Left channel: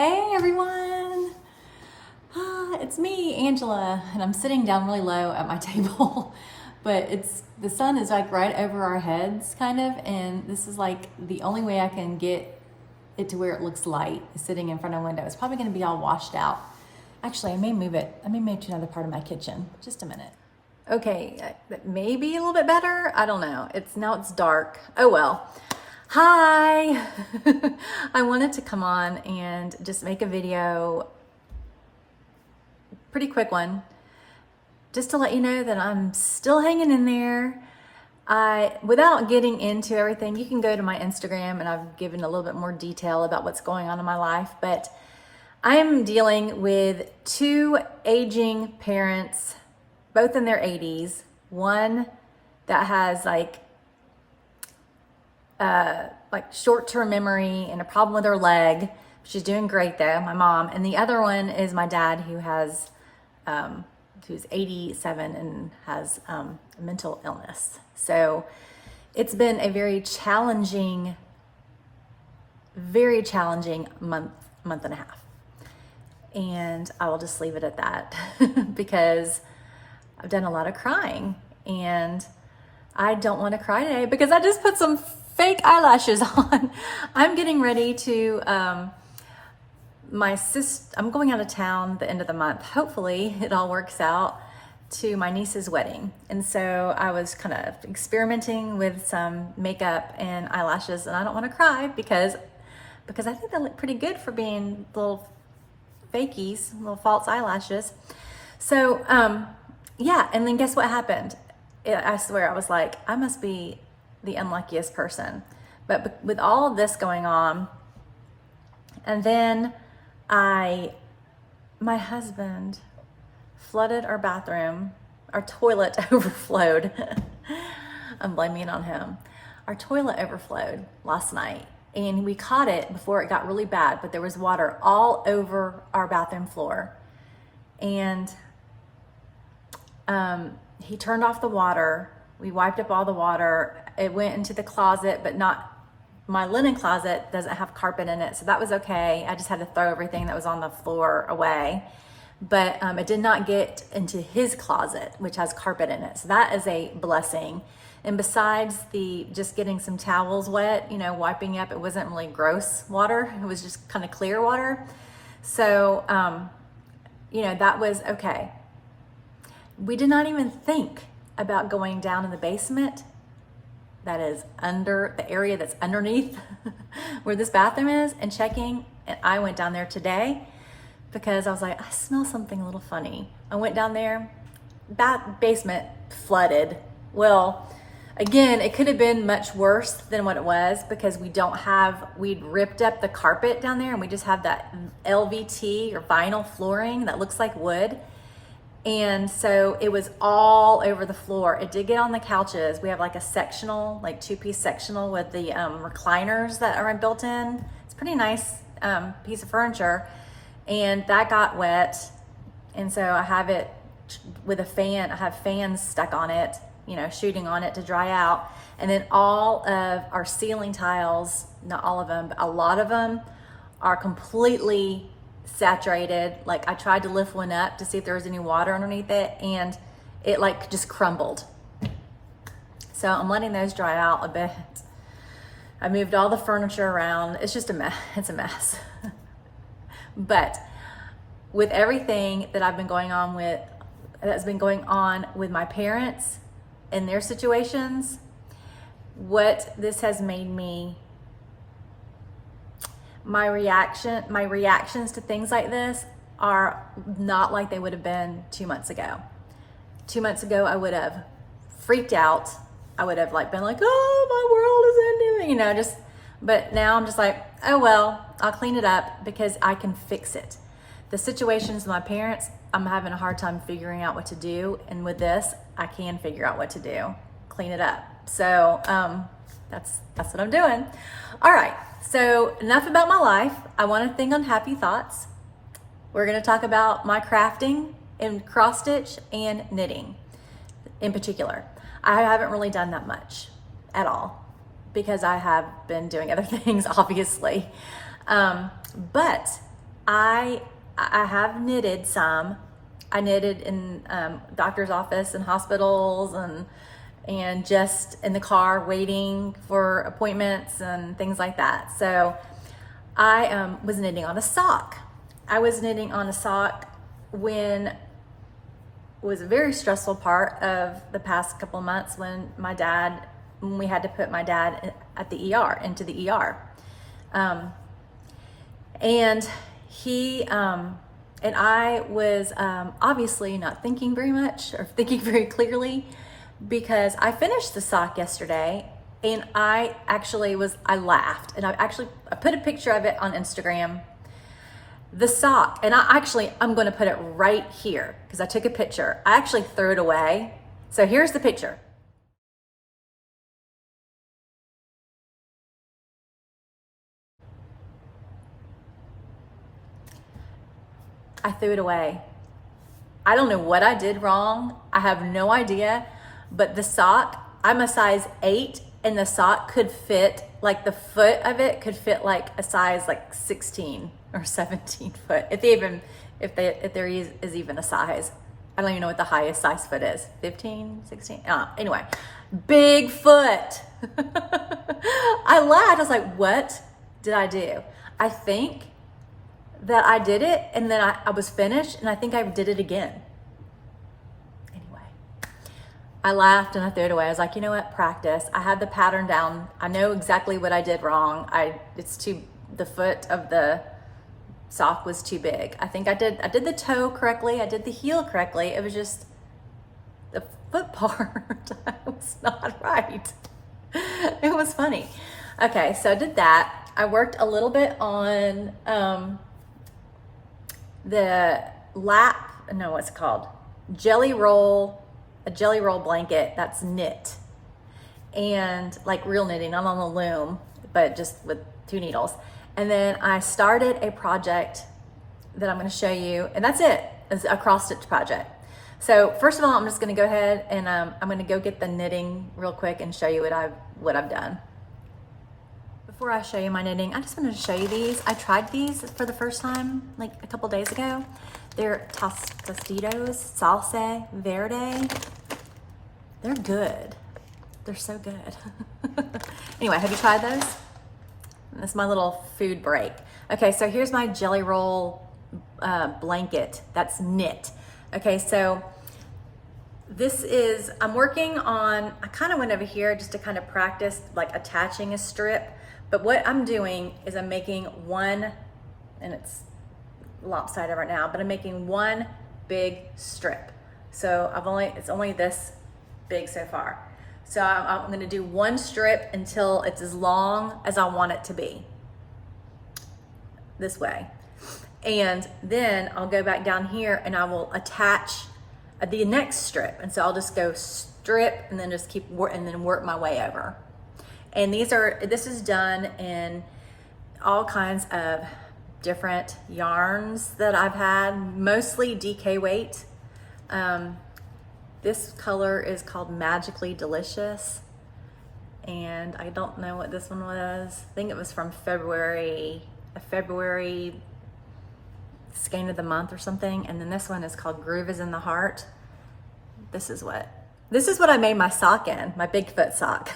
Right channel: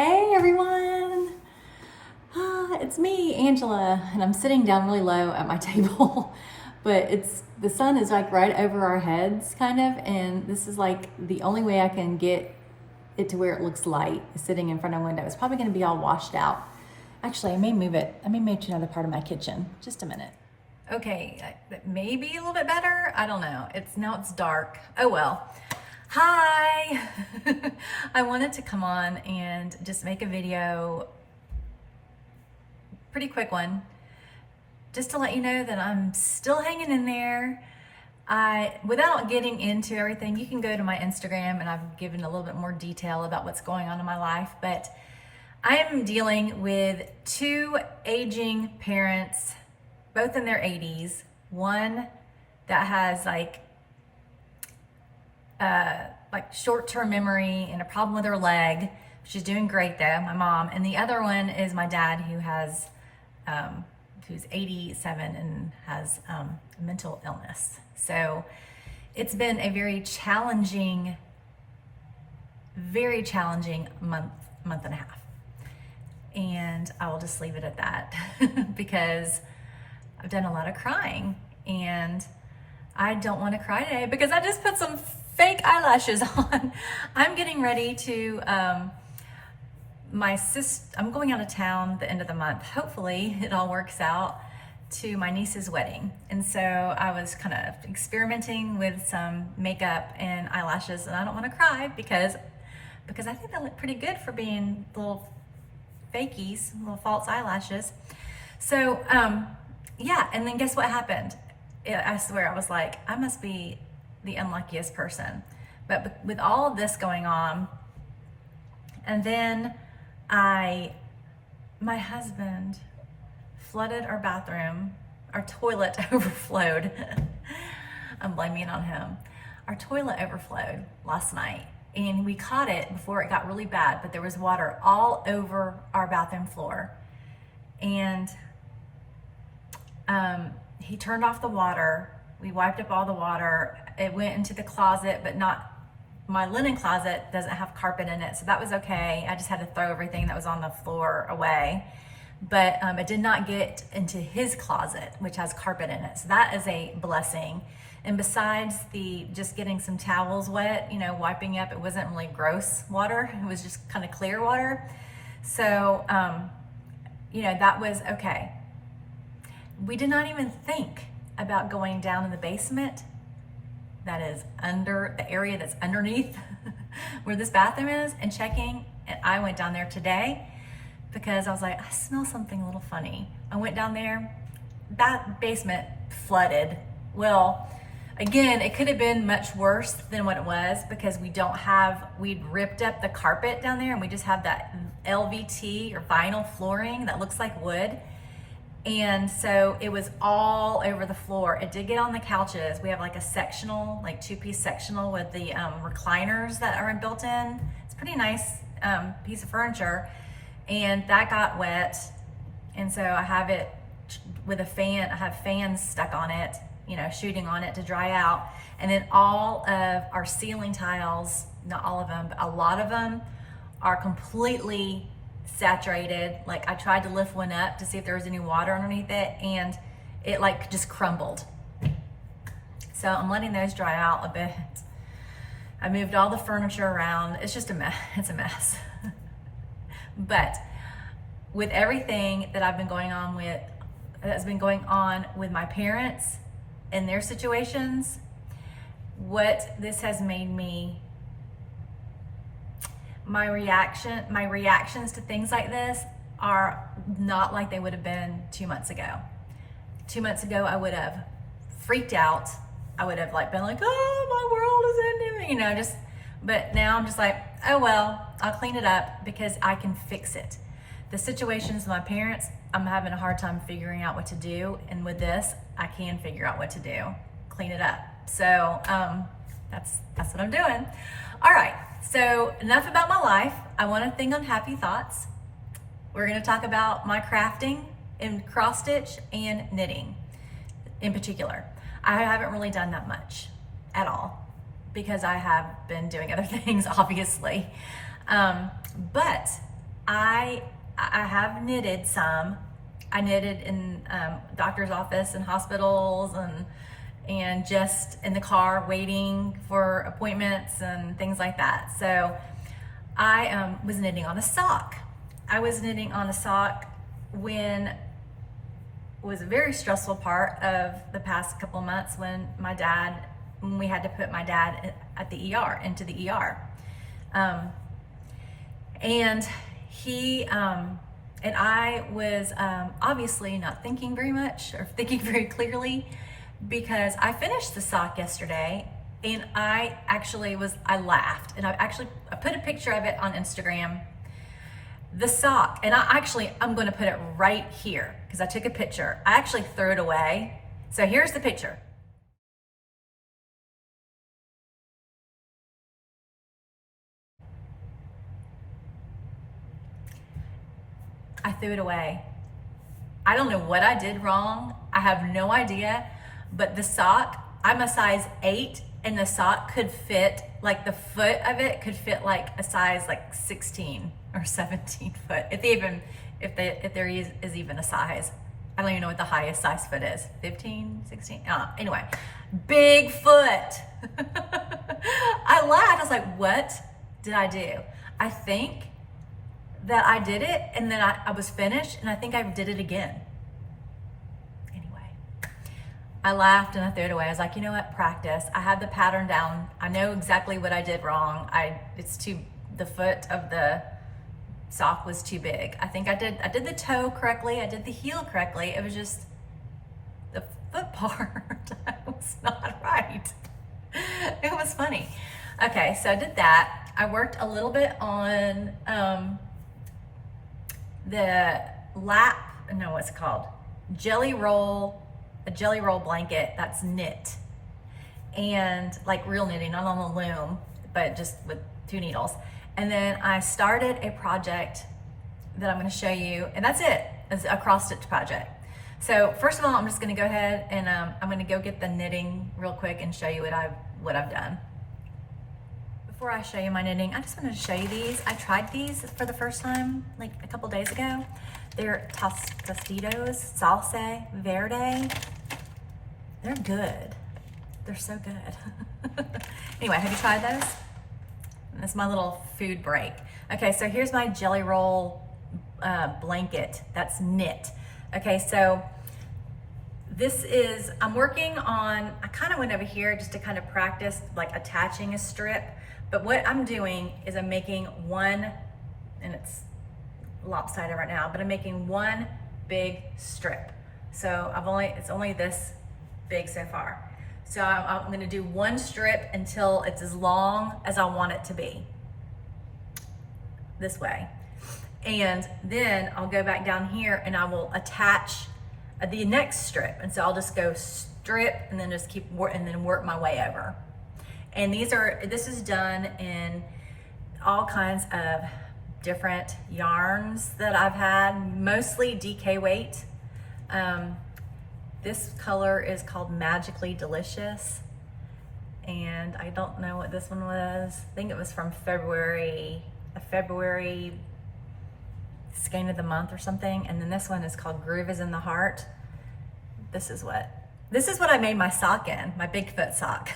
Hey everyone! It's me, Angela, and I'm sitting down really low at my table, but the sun is like right over our heads kind of, and this is like the only way I can get it to where it looks light is sitting in front of a window. It's probably gonna be all washed out. Actually, I may move it. I may move to another part of my kitchen. Just a minute. Okay, maybe a little bit better. I don't know. Now it's dark. Oh well. Hi! I wanted to come on and just make a video, pretty quick one, just to let you know that I'm still hanging in there. Without getting into everything, you can go to my Instagram and I've given a little bit more detail about what's going on in my life, but I am dealing with two aging parents, both in their 80s. One that has like short-term memory and a problem with her leg. She's doing great though, my mom. And the other one is my dad, who's 87 and has a mental illness. So it's been a very challenging month and a half. And I will just leave it at that because I've done a lot of crying and I don't want to cry today because I just put some fake eyelashes on. I'm getting ready to, I'm going out of town the end of the month. Hopefully it all works out, to my niece's wedding. And so I was kind of experimenting with some makeup and eyelashes, and I don't want to cry because I think they look pretty good for being little fakies, little false eyelashes. So, yeah, and then guess what happened? I swear, I was like, I must be the unluckiest person. But with all of this going on, and then my husband flooded our bathroom. Our toilet overflowed. I'm blaming it on him. Our toilet overflowed last night, and we caught it before it got really bad, but there was water all over our bathroom floor. And he turned off the water. We wiped up all the water. It went into the closet, but not my linen closet doesn't have carpet in it, so that was okay. I just had to throw everything that was on the floor away. But it did not get into his closet, which has carpet in it. So that is a blessing. And besides just getting some towels wet, wiping up, it wasn't really gross water. It was just kind of clear water. So, that was okay. We did not even think about going down in the basement. That is under the area that's underneath where this bathroom is, and checking. And I went down there today because I was like, I smell something a little funny. I went down there, basement flooded. Well, again, it could have been much worse than what it was because we'd ripped up the carpet down there and we just have that LVT or vinyl flooring that looks like wood. And so it was all over the floor. It did get on the couches. We have like a sectional, like two-piece sectional with the recliners that are built in. It's a pretty nice piece of furniture. And that got wet. And so I have it with a fan. I have fans stuck on it, shooting on it to dry out. And then all of our ceiling tiles, not all of them, but a lot of them are completely saturated. Like I tried to lift one up to see if there was any water underneath it, and it like just crumbled. So I'm letting those dry out a bit. I moved all the furniture around. It's just a mess. It's a mess. But with everything that that's been going on with my parents and their situations, what this has made me, my reactions to things like this are not like they would have been 2 months ago. 2 months ago, I would have freaked out. I would have been like, oh, my world is ending, but now I'm just like, oh, well, I'll clean it up because I can fix it. The situations with my parents, I'm having a hard time figuring out what to do. And with this, I can figure out what to do, clean it up. So that's what I'm doing. All right. So enough about my life. I want to think on happy thoughts. We're going to talk about my crafting and cross stitch and knitting in particular. I haven't really done that much at all because I have been doing other things, obviously. But I have knitted some. I knitted in doctor's office and hospitals and just in the car waiting for appointments and things like that. So I was knitting on a sock. I was knitting on a sock when it was a very stressful part of the past couple of months when we had to put my dad at the ER, into the ER. And he, and I was obviously not thinking very much or thinking very clearly, because I finished the sock yesterday and I laughed, and I put a picture of it on Instagram. The sock, and I'm going to put it right here because I took a picture. I actually threw it away. So here's the picture. I threw it away. I don't know what I did wrong. I have no idea, but the sock, I'm a size 8, and the sock could fit, like the foot of it could fit like a size like 16 or 17 foot. If there is even a size. I don't even know what the highest size foot is. 15, 16, anyway, big foot. I laughed, I was like, what did I do? I think that I did it, and then I was finished, and I think I did it again. Anyway, I laughed and I threw it away. I was like, you know what, practice. I had the pattern down. I know exactly what I did wrong. The foot of the sock was too big. I think I did the toe correctly. I did the heel correctly. It was just the foot part was not right. It was funny. Okay, so I did that. I worked a little bit on the what's it called? A jelly roll blanket that's knit, and like real knitting, not on the loom, but just with 2 needles. And then I started a project that I'm going to show you, and that's it. It's a cross stitch project. So first of all, I'm just going to go ahead and I'm going to go get the knitting real quick and show you what I've done. Before I show you my knitting, I just wanted to show you these. I tried these for the first time like a couple days ago. They're Tostitos Salsa Verde. They're good. They're so good. Anyway, have you tried those? That's my little food break. Okay, so here's my jelly roll blanket that's knit. Okay, so I'm working on, I kind of went over here just to kind of practice like attaching a strip. But what I'm doing is I'm making one, and it's lopsided right now, but I'm making one big strip. So it's only this big so far. So I'm going to do one strip until it's as long as I want it to be, this way. And then I'll go back down here and I will attach the next strip. And so I'll just go strip and then just work my way over. And this is done in all kinds of different yarns that I've had, mostly DK weight. This color is called Magically Delicious, and I don't know what this one was. I think it was from February, a February skein of the month or something. And then this one is called Groove is in the Heart. This is what I made my sock in, my Bigfoot sock.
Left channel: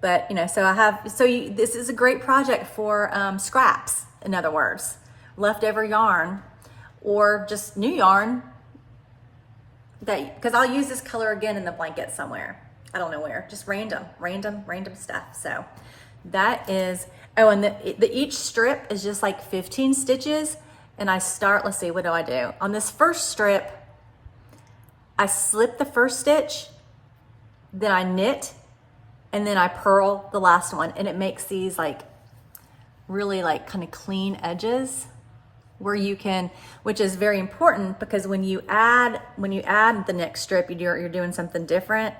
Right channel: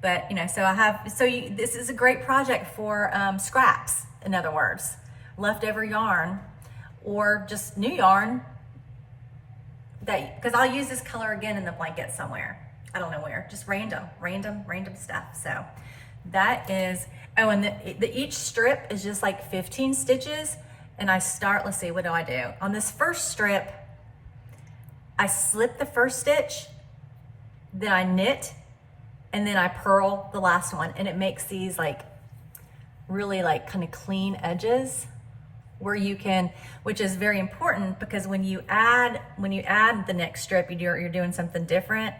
But this is a great project for scraps, in other words, leftover yarn or just new yarn. Because I'll use this color again in the blanket somewhere. I don't know where, just random stuff. So that is, and each strip is just like 15 stitches. And I start, let's see, what do I do? On this first strip, I slip the first stitch, then I knit, and then I purl the last one. And it makes these like really like kind of clean edges, where you can, which is very important, because when you add the next strip, you're doing something different,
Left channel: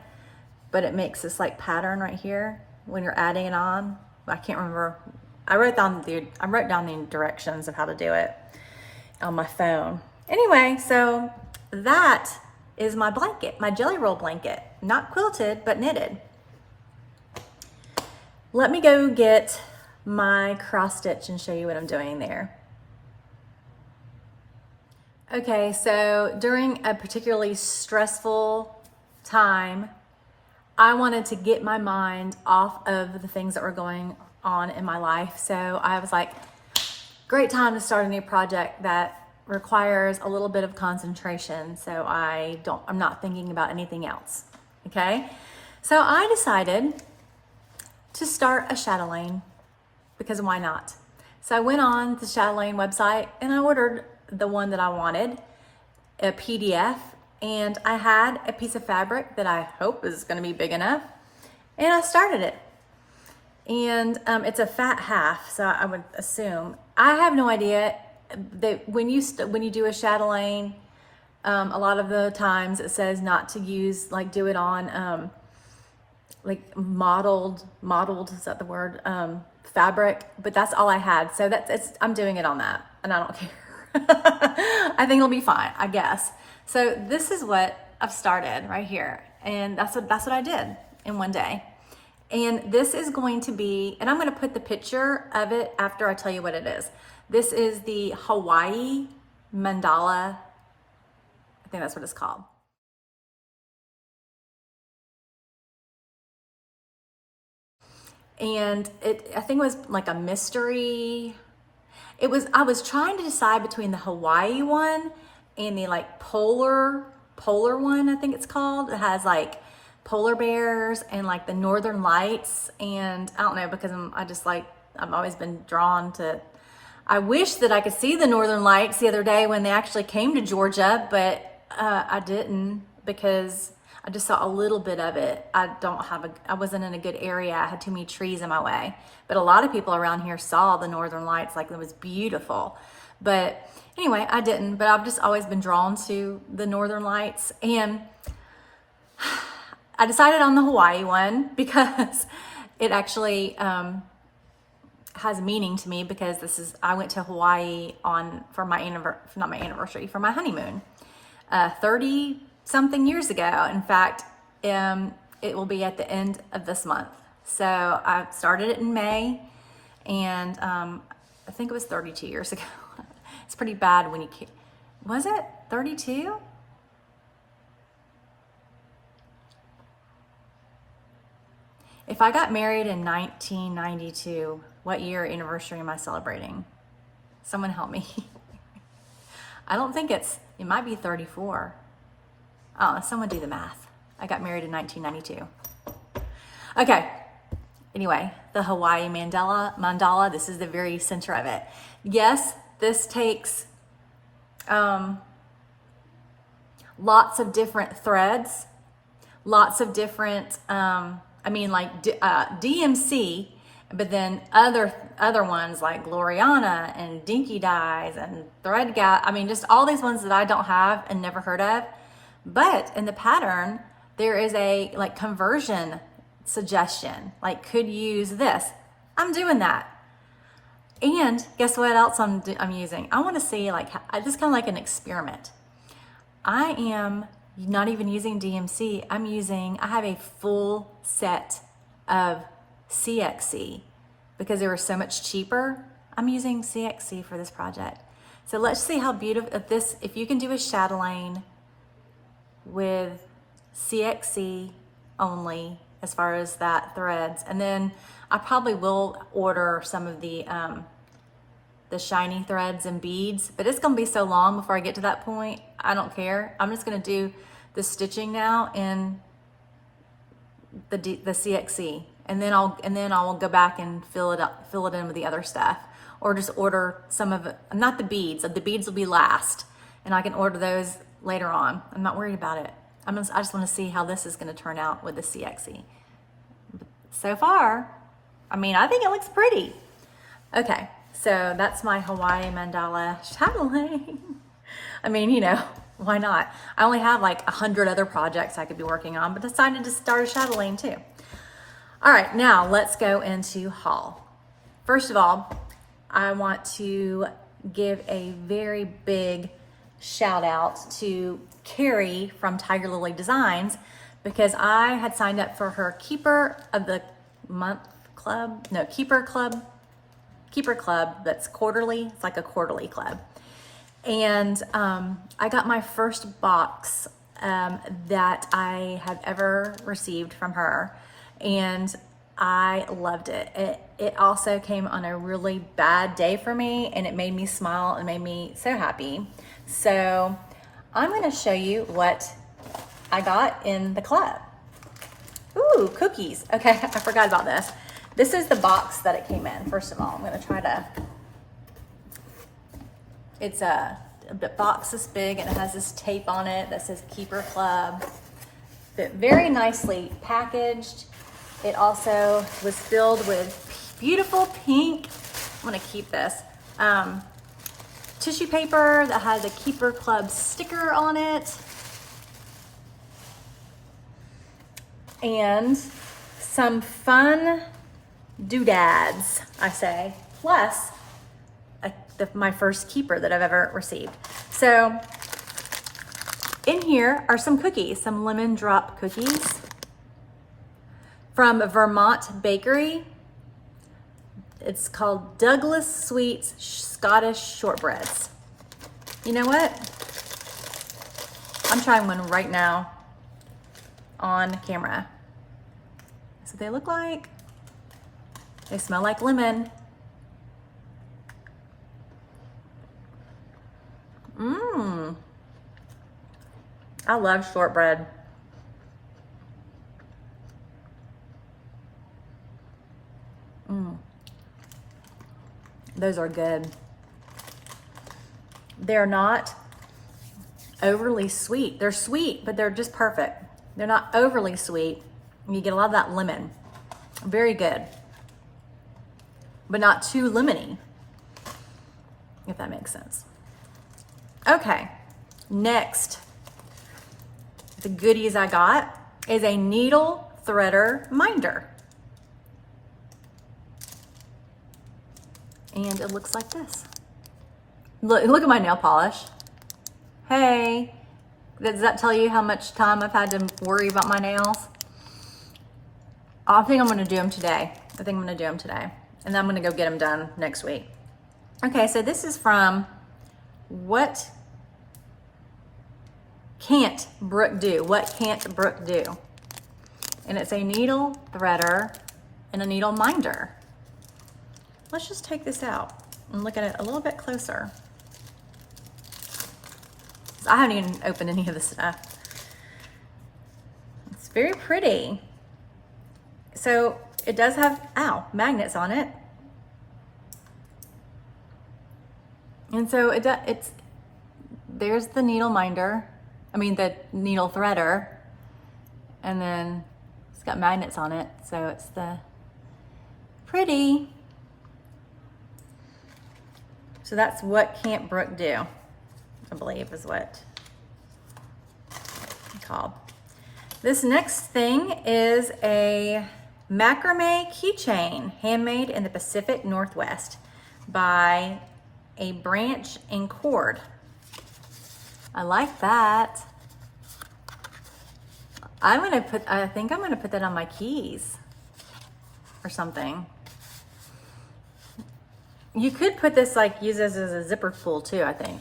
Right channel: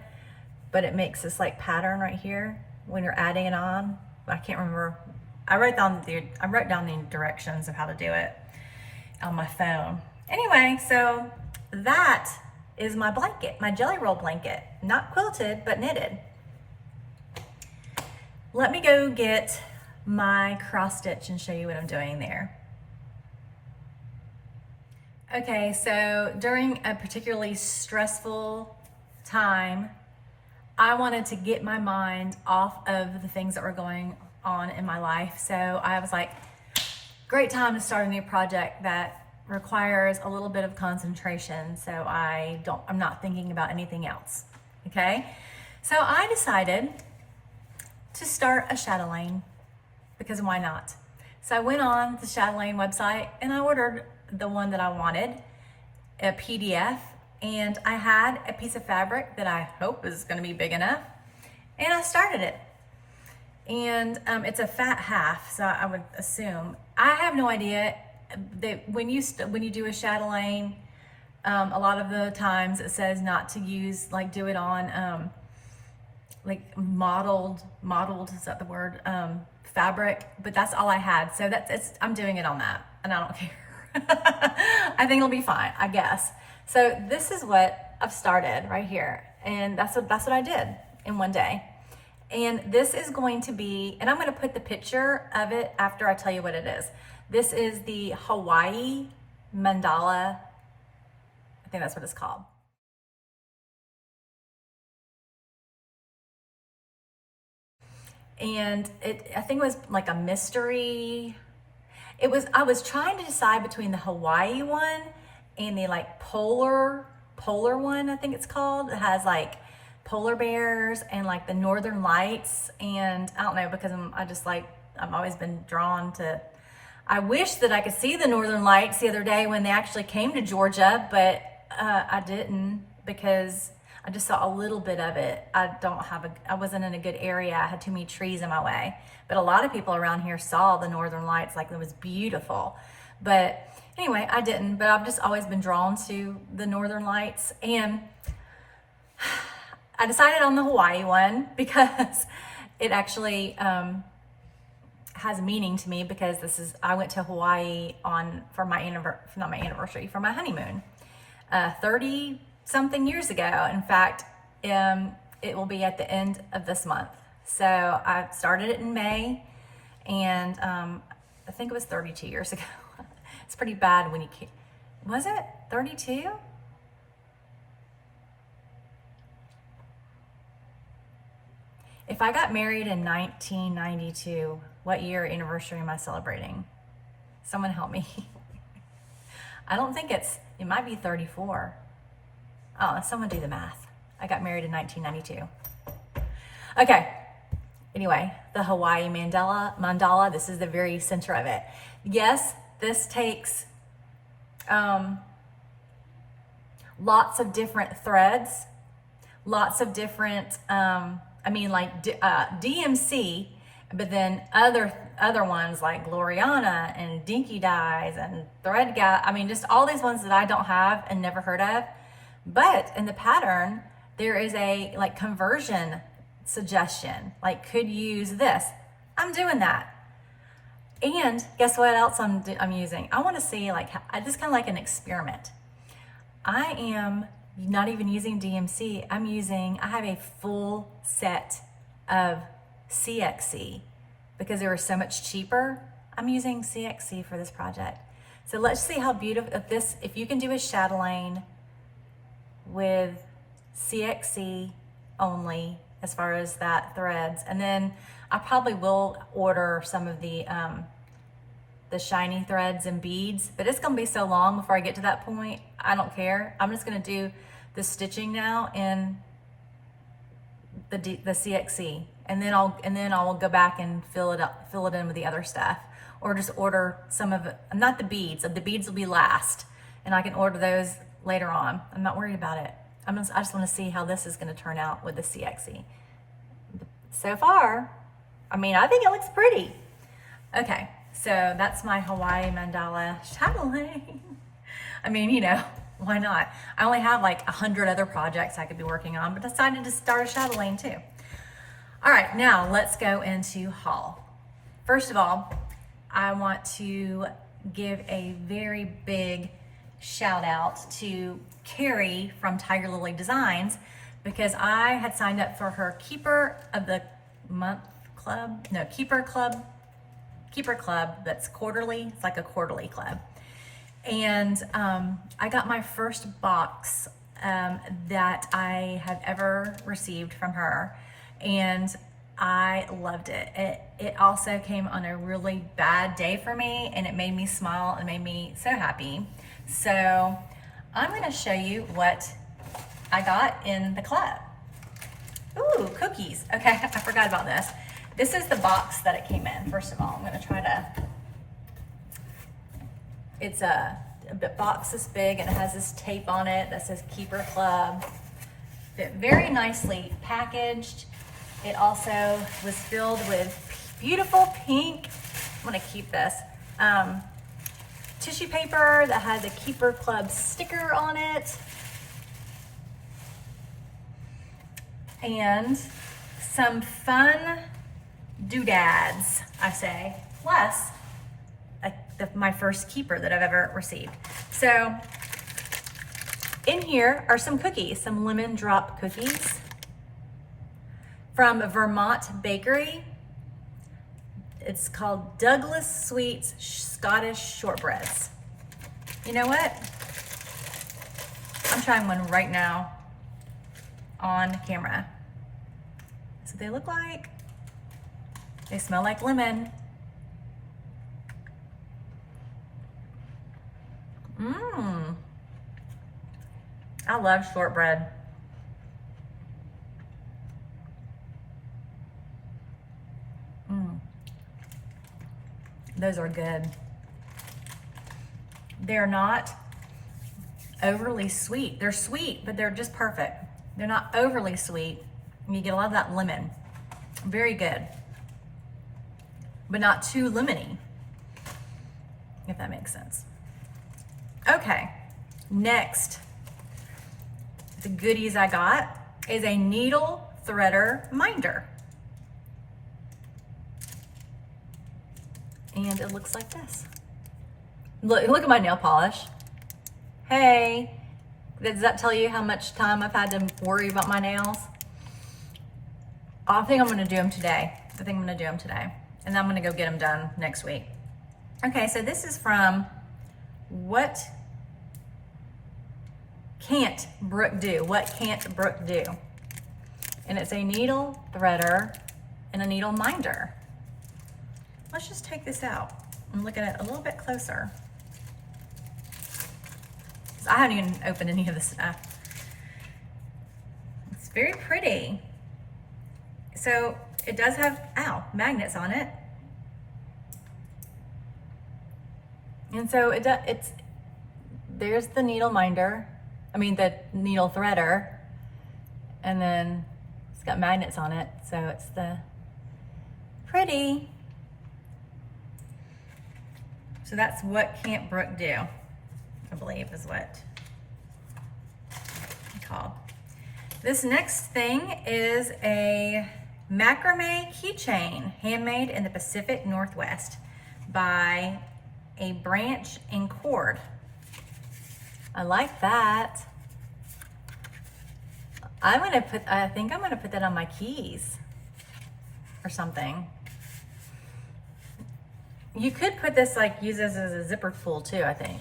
but it makes this like pattern right here when you're adding it on. I can't remember. I wrote down the directions of how to do it on my phone. Anyway, so that is my blanket, my jelly roll blanket, not quilted, but knitted. Let me go get my cross stitch and show you what I'm doing there. Okay, so during a particularly stressful time, I wanted to get my mind off of the things that were going on in my life. So I was like, great time to start a new project that requires a little bit of concentration. So I'm not thinking about anything else. Okay. So I decided to start a shadow lane because why not? So I went on the shadow lane website and I ordered the one that I wanted, a PDF, and I had a piece of fabric that I hope is going to be big enough, and I started it. And it's a fat half, so I would assume. I have no idea that when you do a chatelaine, a lot of the times it says not to use, like, do it on like modeled, is that the word? Fabric, but that's all I had. So I'm doing it on that, and I don't care. I think it'll be fine, I guess. So this is what I've started right here, and that's what I did in one day. And this is going to be, and I'm going to put the picture of it after I tell you what it is. This is the Hawaii mandala. I think that's what it's called. And I think it was like a mystery. I was trying to decide between the Hawaii one and the like polar one, I think it's called. It has like polar bears and like the northern lights, and I don't know, because I've always been drawn to, I wish that I could see the northern lights the other day when they actually came to Georgia, but I didn't, because I just saw a little bit of it. I wasn't in a good area. I had too many trees in my way. But a lot of people around here saw the northern lights, like it was beautiful. But anyway, I didn't, but I've just always been drawn to the northern lights. And I decided on the Hawaii one because it actually has meaning to me, because I went to Hawaii for my honeymoon 30 something years ago. In fact, it will be at the end of this month. So I started it in May, and I think it was 32 years ago. It's pretty bad when was it 32? If I got married in 1992, what year anniversary am I celebrating? Someone help me. I don't think it might be 34. Oh, someone do the math. I got married in 1992. Okay. Anyway, the Hawaii mandala, this is the very center of it. Yes, this takes lots of different threads, lots of different, DMC, but then other ones like Gloriana and Dinky Dyes and Thread Guy. I mean, just all these ones that I don't have and never heard of. But in the pattern, there is a like conversion suggestion, like could use this. I'm doing that. And guess what else I'm using? I want to see, like, this kind of like an experiment. I am not even using DMC. I have a full set of CXC because they were so much cheaper. I'm using CXC for this project. So let's see how beautiful if you can do a chatelaine with CXC only as far as that threads. And then I probably will order some of the shiny threads and beads, but it's going to be so long before I get to that point. I don't care. I'm just going to do the stitching now in the CXC, and then I'll go back and fill it in with the other stuff, or just order some of it. Not the beads. The beads will be last, and I can order those later on. I'm not worried about it. I just want to see how this is going to turn out with the CXC. So far, I think it looks pretty. Okay, so that's my Hawaii mandala chatelaine. Why not? I only have like 100 other projects I could be working on, but decided to start a chatelaine too. All right, now let's go into haul. First of all, I want to give a very big shout out to Carrie from Tiger Lily Designs, because I had signed up for her Keeper of the Month Club. Keeper Club that's quarterly. It's like a quarterly club. And I got my first box that I have ever received from her, and I loved it. It also came on a really bad day for me, and it made me smile and made me so happy. So I'm gonna show you what I got in the club. Ooh, cookies. Okay, I forgot about this. This is the box that it came in. First of all, I'm gonna try to, it's a box this big, and it has this tape on it that says Keeper Club. Very nicely packaged. It also was filled with beautiful pink, I'm gonna keep this, tissue paper that has a Keeper Club sticker on it. And some fun doodads, I say, plus my first keeper that I've ever received. So in here are some cookies, some lemon drop cookies from Vermont Bakery. It's called Douglas Sweets Scottish Shortbreads. You know what? I'm trying one right now on camera. So they look like, they smell like lemon. Mmm. I love shortbread. Mmm. Those are good. They're not overly sweet. They're sweet, but they're just perfect. They're not overly sweet. You get a lot of that lemon. Very good. But not too lemony, if that makes sense. Okay, next, the goodies I got is a needle threader minder. And it looks like this. Look at my nail polish. Hey, does that tell you how much time I've had to worry about my nails? I think I'm gonna do them today. And then I'm gonna go get them done next week. Okay, so this is from What Can't Brooke Do? What Can't Brooke Do? And it's a needle threader and a needle minder. Let's just take this out and look at it a little bit closer. I haven't even opened any of this stuff. It's very pretty. So it does have, magnets on it. And so there's the needle minder, the needle threader, and then it's got magnets on it. So it's the pretty. So that's What Can't Brooke Do, I believe is what it's called. This next thing is a macrame keychain, handmade in the Pacific Northwest by a branch and cord. I like that. I think I'm gonna put that on my keys or something. You could put this, use this as a zipper pull too, I think.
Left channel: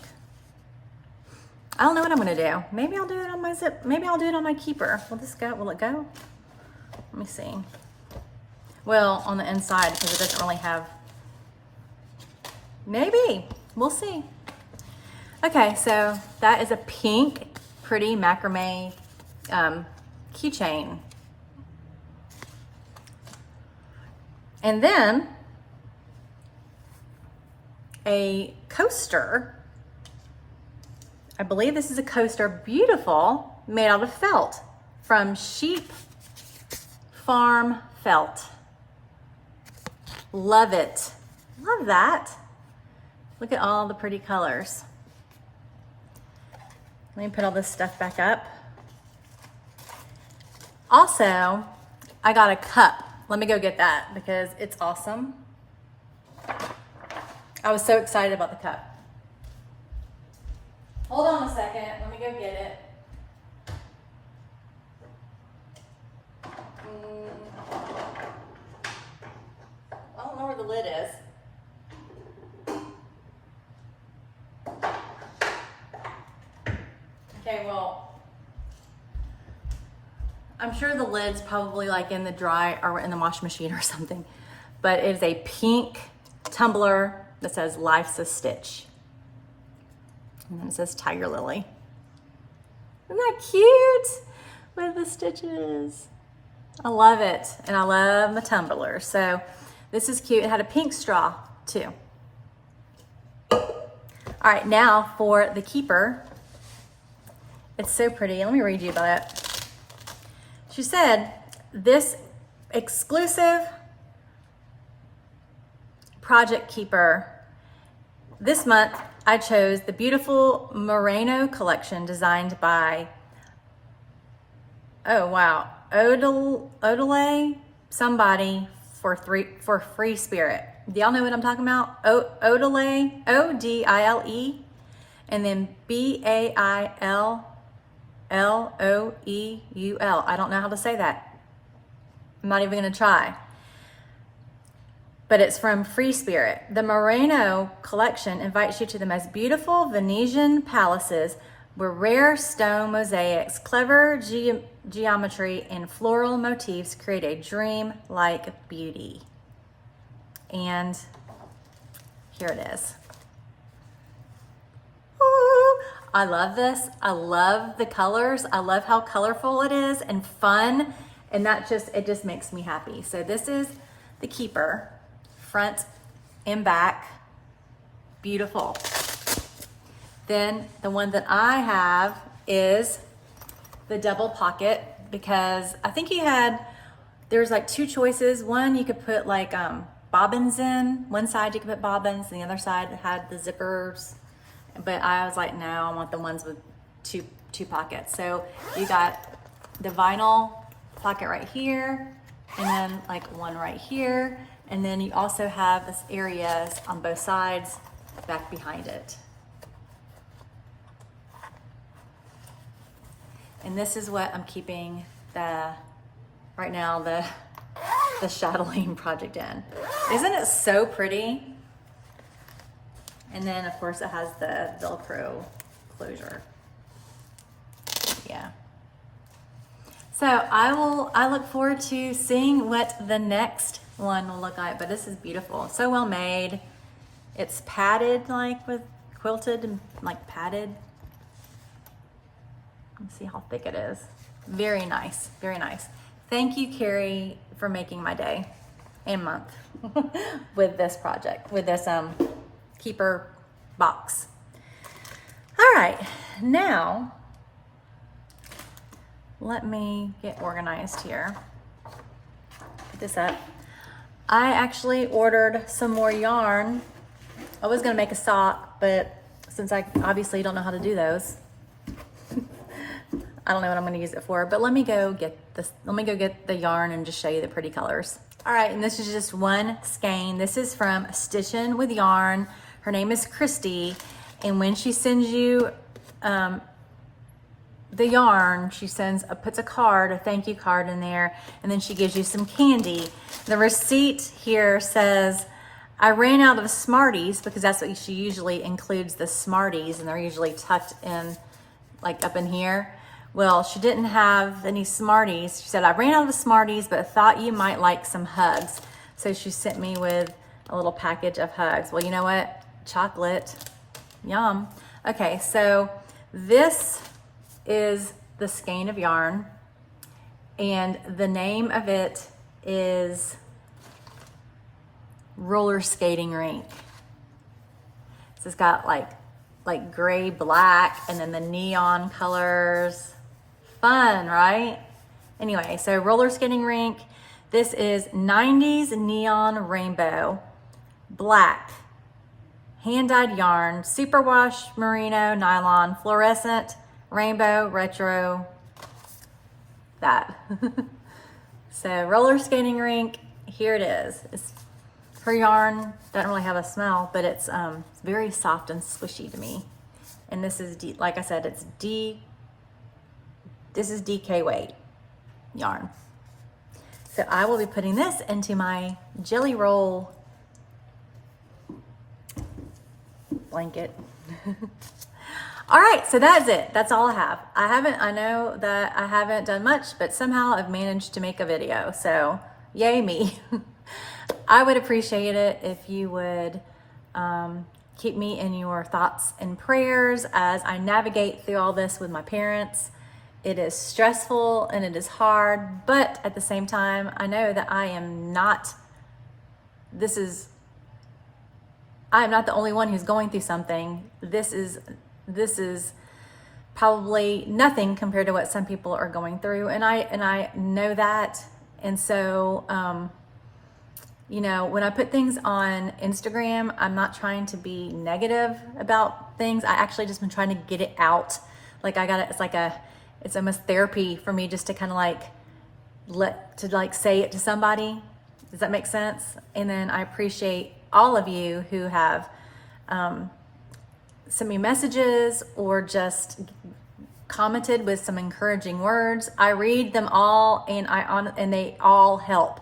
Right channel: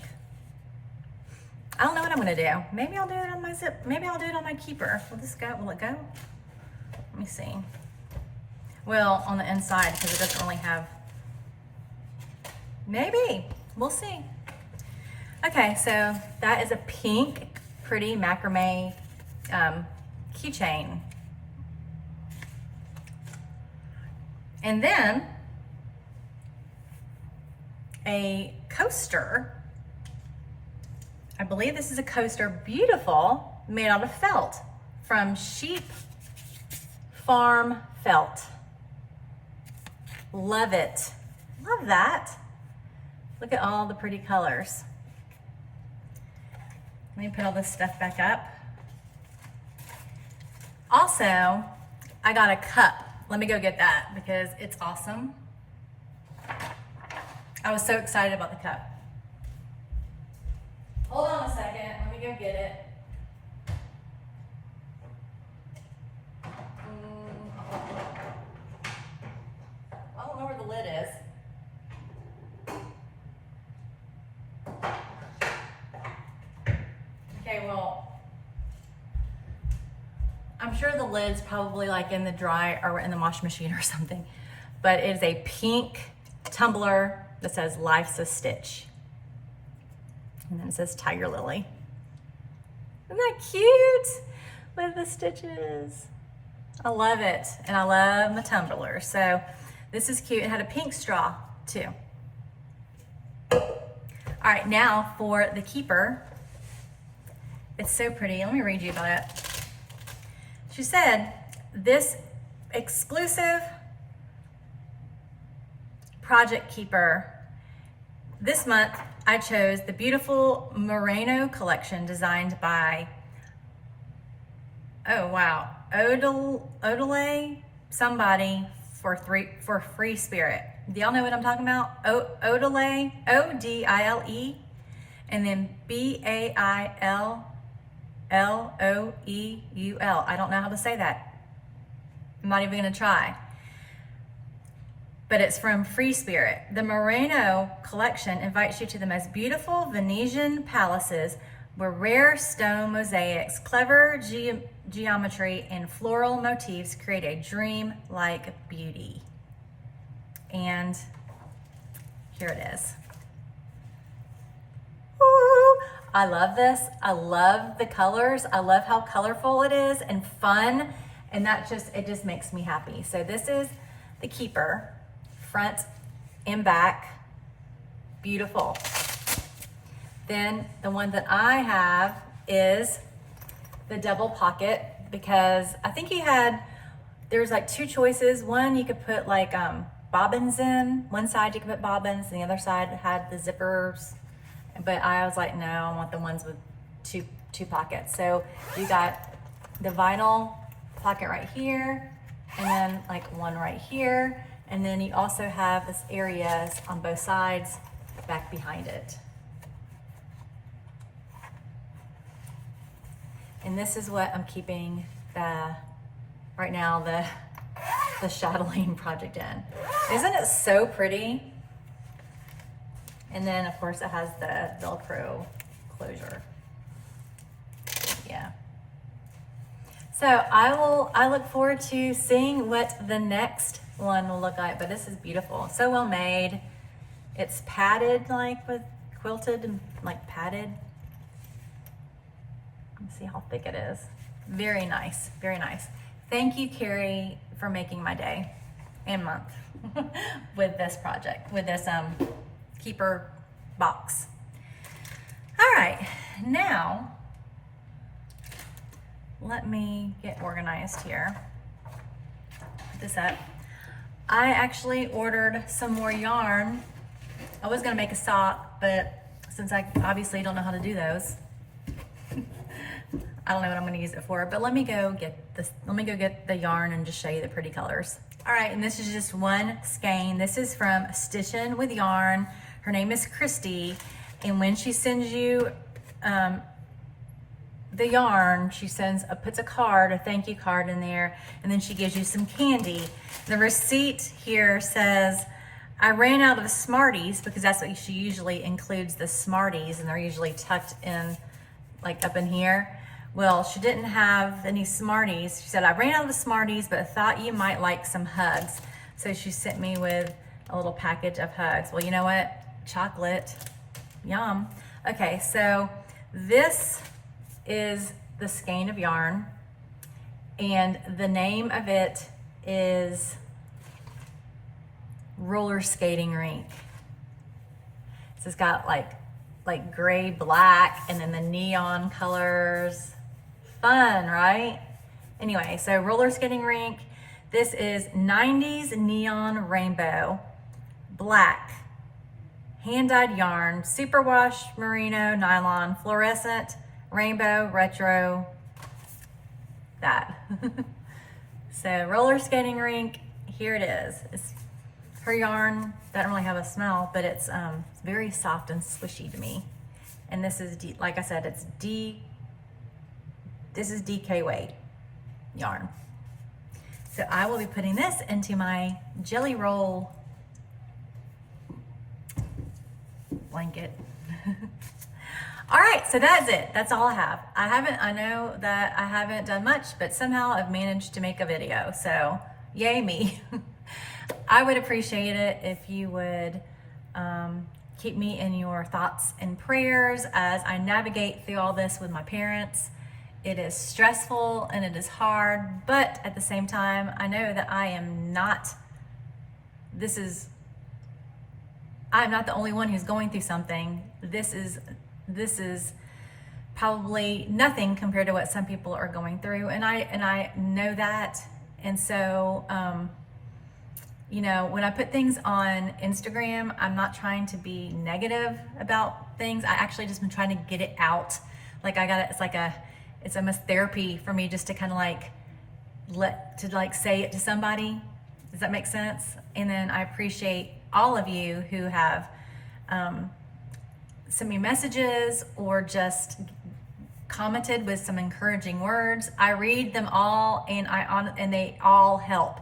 I don't know what I'm gonna do. Maybe I'll do it on my maybe I'll do it on my keeper. Will it go? Let me see. Well, on the inside, because it doesn't really have, maybe, we'll see. Okay, so that is a pink, pretty macrame keychain. And then a coaster. I believe this is a coaster, beautiful, made out of felt from Sheep Farm Felt. Love it. Love that. Look at all the pretty colors. Let me put all this stuff back up. Also, I got a cup. Let me go get that because it's awesome. I was so excited about the cup. Hold on a second. Let me go get it. I don't know where the lid is. Okay, well, I'm sure the lid's probably like in the dry or in the washing machine or something, but it is a pink tumbler that says Life's a Stitch. And then it says Tiger Lily. Isn't that cute? With the stitches. I love it. And I love the tumbler. So this is cute. It had a pink straw too. All right, now for the keeper. It's so pretty. Let me read you about it. She said, this exclusive project keeper, this month I chose the beautiful Merino collection designed by, oh wow, Odile somebody for Free Spirit. Do y'all know what I'm talking about? Odile, O-D-I-L-E, and then B-A-I-L-L-O-E-U-L. I don't know how to say that. I'm not even gonna try. But it's from Free Spirit. The Merino collection invites you to the most beautiful Venetian palaces where rare stone mosaics, clever geometry, and floral motifs create a dream-like beauty. And here it is. Ooh, I love this. I love the colors. I love how colorful it is and fun. And it just makes me happy. So this is the keeper, front and back, beautiful. Then the one that I have is the double pocket, because I think there's like two choices. One, you could put like bobbins in. One side you could put bobbins, and the other side had the zippers. But I was like, no, I want the ones with two pockets. So you got the vinyl pocket right here, and then like one right here. And then you also have this areas on both sides back behind it. And this is what I'm keeping right now the chatelaine project in. Isn't it so pretty? And then of course it has the Velcro closure. Yeah. So I look forward to seeing what the next one will look like, but this is beautiful. So well made. It's padded, like with quilted and like padded. Let's see how thick it is. Very nice, very nice. Thank you, Carrie, for making my day and month with this project, with this keeper box. All right, now let me get organized here. Put this up. I actually ordered some more yarn. I was gonna make a sock, but since I obviously don't know how to do those, I don't know what I'm gonna use it for, but let me go get this. Let me go get the yarn and just show you the pretty colors. All right, and this is just one skein. This is from Stitchin' with Yarn. Her name is Christy, and when she sends you the yarn, she puts a card, a thank you card in there, and then she gives you some candy. The receipt here says, I ran out of Smarties, because that's what she usually includes, the Smarties, and they're usually tucked in, like up in here. Well, she didn't have any Smarties. She said, I ran out of Smarties, but thought you might like some hugs. So she sent me with a little package of hugs. Well, you know what? Chocolate, yum. Okay, so this is the skein of yarn, and the name of it is Roller Skating Rink. So it's got like gray, black, and then the neon colors. Fun, right? Anyway, so Roller Skating Rink. This is 90s neon rainbow, black, hand-dyed yarn, superwash merino nylon, fluorescent, rainbow, retro, that. So Roller Skating Rink, here it is. Her yarn doesn't really have a smell, but it's very soft and squishy to me. And this is, like I said, this is DK weight yarn. So I will be putting this into my jelly roll blanket. All right, so that's it. That's all I have. I know that I haven't done much, but somehow I've managed to make a video. So yay me. I would appreciate it if you would keep me in your thoughts and prayers as I navigate through all this with my parents. It is stressful and it is hard, but at the same time, I know that I'm not the only one who's going through something. This is probably nothing compared to what some people are going through, and I know that. And so you know, when I put things on Instagram, I'm not trying to be negative about things. I actually just been trying to get it out. Like it's almost therapy for me just to kind of like say it to somebody. Does that make sense? And then I appreciate all of you who have sent me messages or just commented with some encouraging words. I read them all, and they all help.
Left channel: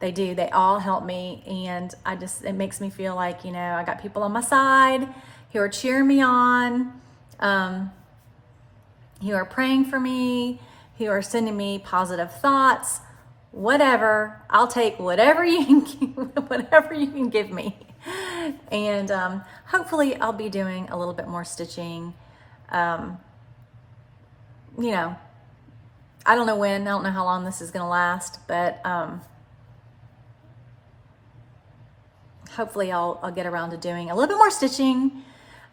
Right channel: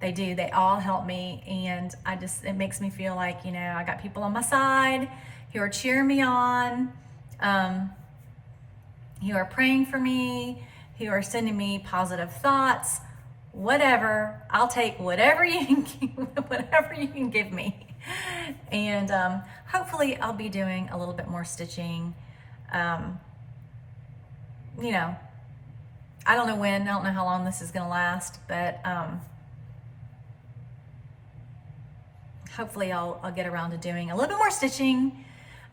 They do. They all help me, and it makes me feel like, you know, I got people on my side who are cheering me on, who are praying for me, who are sending me positive thoughts. Whatever, I'll take whatever you can give me. And hopefully I'll be doing a little bit more stitching. You know, I don't know when, I don't know how long this is going to last, but hopefully I'll get around to doing a little bit more stitching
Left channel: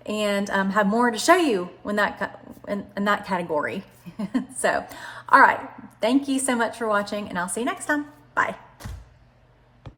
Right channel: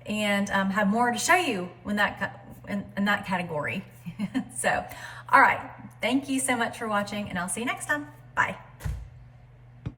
and have more to show you in that category. So, all right. Thank you so much for watching, and I'll see you next time. Bye.